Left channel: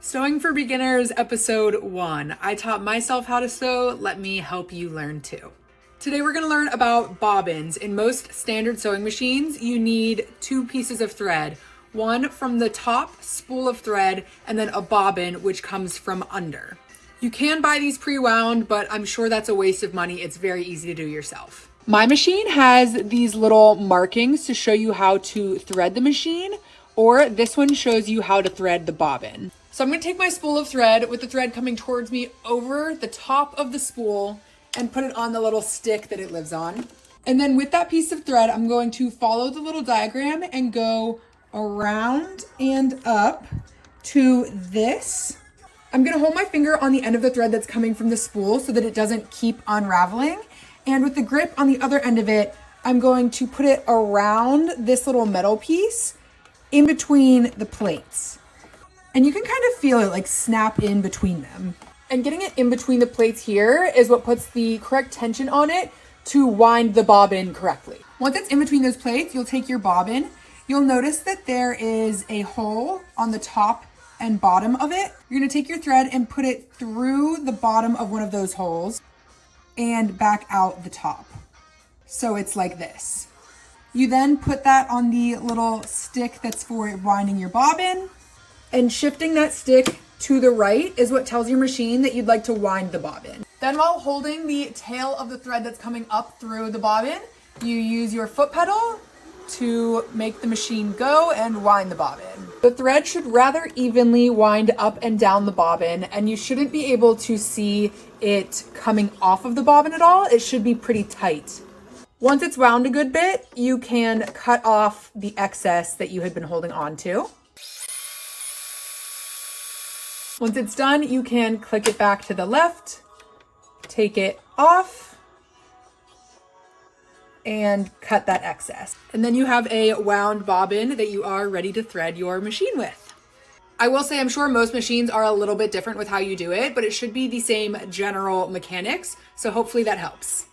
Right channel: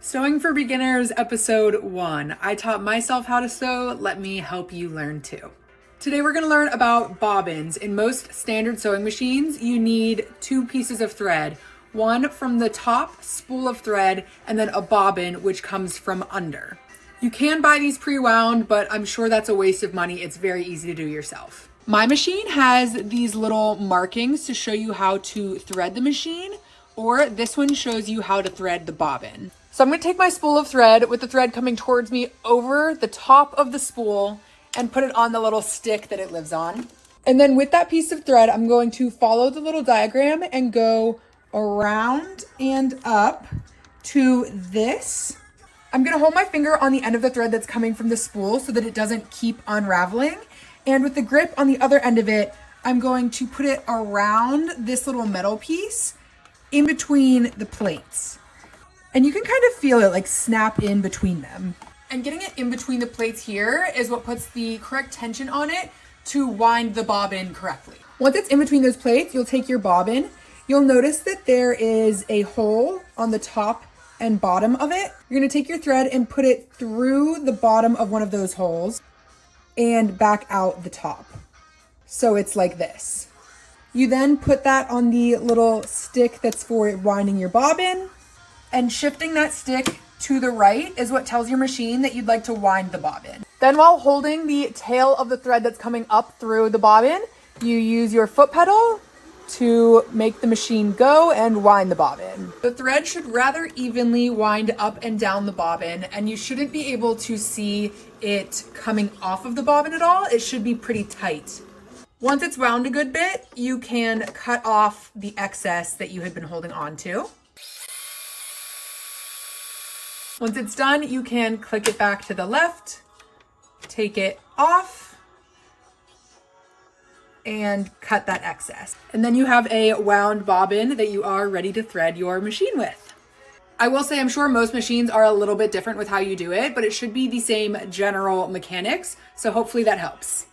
Sewing for Beginners, episode 1. I taught myself how to sew. Let me help you learn too. Today we're going to learn about bobbins. In most standard sewing machines, you need 2 pieces of thread. One from the top spool of thread and then a bobbin which comes from under. You can buy these pre-wound, but I'm sure that's a waste of money. It's very easy to do yourself. My machine has these little markings to show you how to thread the machine, or this one shows you how to thread the bobbin. So I'm going to take my spool of thread with the thread coming towards me over the top of the spool and put it on the little stick that it lives on. And then with that piece of thread, I'm going to follow the little diagram and go around and up to this. I'm going to hold my finger on the end of the thread that's coming from the spool so that it doesn't keep unraveling. And with the grip on the other end of it, I'm going to put it around this little metal piece in between the plates. And you can kind of feel it like snap in between them. And getting it in between the plates here is what puts the correct tension on it to wind the bobbin correctly. Once it's in between those plates, you'll take your bobbin. You'll notice that there is a hole on the top and bottom of it. You're gonna take your thread and put it through the bottom of one of those holes and back out the top. So it's like this. You then put that on the little stick that's for winding your bobbin, and shifting that stick to the right is what tells your machine that you'd like to wind the bobbin. Then while holding the tail of the thread that's coming up through the bobbin, you use your foot pedal to make the machine go and wind the bobbin. The thread should rather evenly wind up and down the bobbin, and you shouldn't be able to see it coming off of the bobbin at all. It should be pretty tight. Once it's wound a good bit, you can cut off the excess that you had been holding on to. Once it's done, you can click it back to the left, take it off, and cut that excess. And then you have a wound bobbin that you are ready to thread your machine with. I will say I'm sure most machines are a little bit different with how you do it, but it should be the same general mechanics, so hopefully that helps.